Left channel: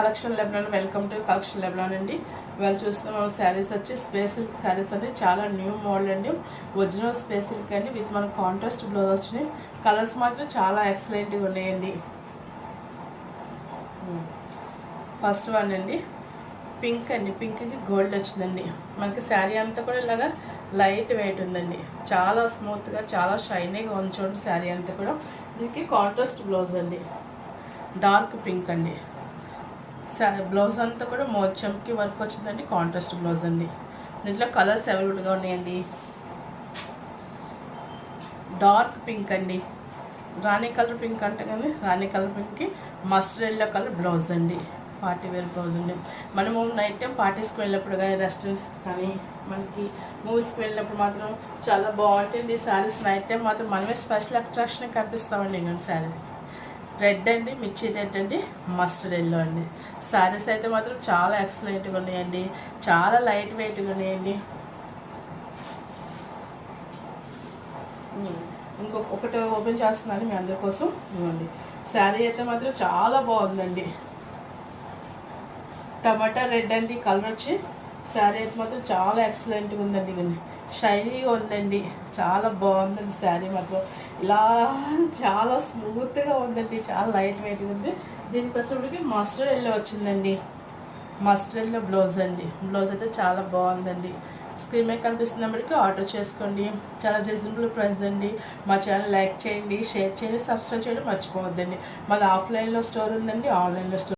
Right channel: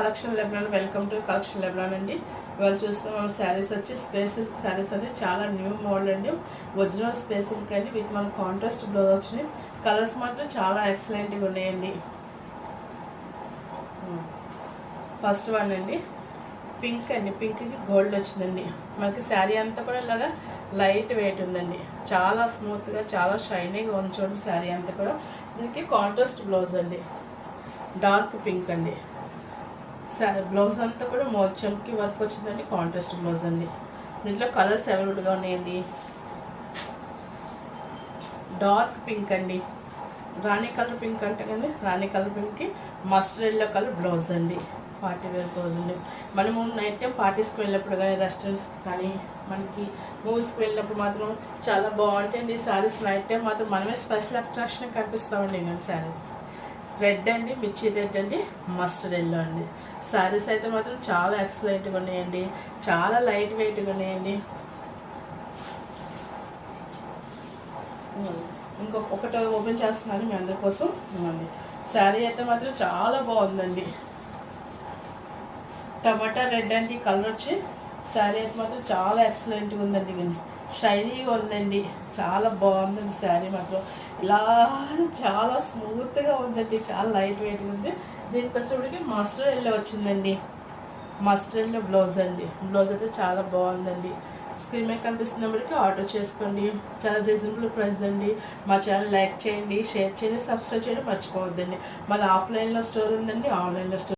Collection లెబ్నాన్. Welcome to collection లెబ్నాన్ అండి. ఇవాళ చూస్తున్నాం మన శారీస్ వచ్చి స్పేస్ సిల్క్ శారీస్ అండి. చాలా న్యూ మోడల్ అండి. ఒరిజినల్ స్పేస్ సిల్క్ అండి విత్ మన కాంట్రాస్ట్ బ్లౌజ్ వచ్చినాయి. కలర్స్ మాత్రం చాలా ఎక్సలెంట్గా ఉన్నాయండి. ఫస్ట్ వన్ అండి పింక్ అండి. పింక్కి గోల్డ్ వచ్చిందండి. మనకి శారీ అంతా కూడా ఇలాగా లైట్ వెయిట్ ఉందండి. చాలా స్మూత్గా చాలా షైనీగా ఉంచండి శారీ అంతా కూడా. దీనికి కాంట్రాస్ట్ బ్లౌజ్ అండి. డార్క్ పింక్ అండి. శారీ బ్లౌజ్ అంతా కూడా మోచంకి వర్క్ వచ్చిందండి. కాంట్రాస్ట్ బ్లౌజ్ అండి. దీంట్లో కలర్స్ అవైలబుల్గా ఉన్నాయండి. డార్క్ పింక్ అండి. రాణి కలర్ పింక్ అంటే కానీ రాణి కలర్ పింక్కి మస్టర్డ్ ఎల్లో కలర్ బ్లౌజ్ అండి. పార్టీ వేర్ బ్లౌజ్ అండి. మనము నైట్ టైం పార్టీస్కి వెళ్ళినప్పుడు కానీ రెస్టారెంట్స్కి కానీ మనకి మూవీస్కి వెళ్ళినప్పుడు మాత్రం చాలా బాగుంటాయండి ఈ శారీస్. నైట్ టైం మాత్రం మనమే స్పెషల్ అట్రాక్షన్ కనిపిస్తామండి. ఇంకొక శారీ రెడ్ అండి, మిర్చి రెడ్ అండి, మస్టర్డ్ ఎల్లో అండి. శారీస్ అయితే మాత్రం చాలా ఎక్సలెంట్గా ఉన్నాయండి. చాలా లైట్ వెయిట్గా ఉన్నాయండి. ఒకటి ఓపెన్ చేస్తున్నాను మీ అందరి కోసం. శారీ అయితే మాత్రం చాలా బాగుందండి. టమాటా రెడ్ అండి కలర్ వచ్చి. శారీ అయితే మాత్రం చాలా ఎక్సలెంట్గా ఉందండి. ఇది షైనీగా ఉందండి. చాలా బాగుందండి శారీ మాత్రం. ఇలా చాలా స్మూత్గా ఉందండి. చాలా లైట్ వెయిట్గా ఉంది. దీనికి వచ్చేప్పటికి మస్టర్డ్ ఎల్లో వచ్చిందండి. మస్టర్డ్ ఎల్లో బ్లౌజ్ అండి. బ్లౌజ్ అయితే చాలా బాగుందండి. స్క్రీన్ మీద కనిపిస్తున్నప్పటికీ ఆర్డర్ చేసుకోండి. చాలా రీజనబుల్ ప్రైస్ అండి. మా ఛానల్ లైక్ చేయండి, షేర్ చేయండి, సబ్స్క్రైబ్ చేయడం మర్చిపోవద్దండి. మాది ఆఫ్లైన్లో స్టోర్ ఉందండి, ఆన్లైన్లో స్టోర్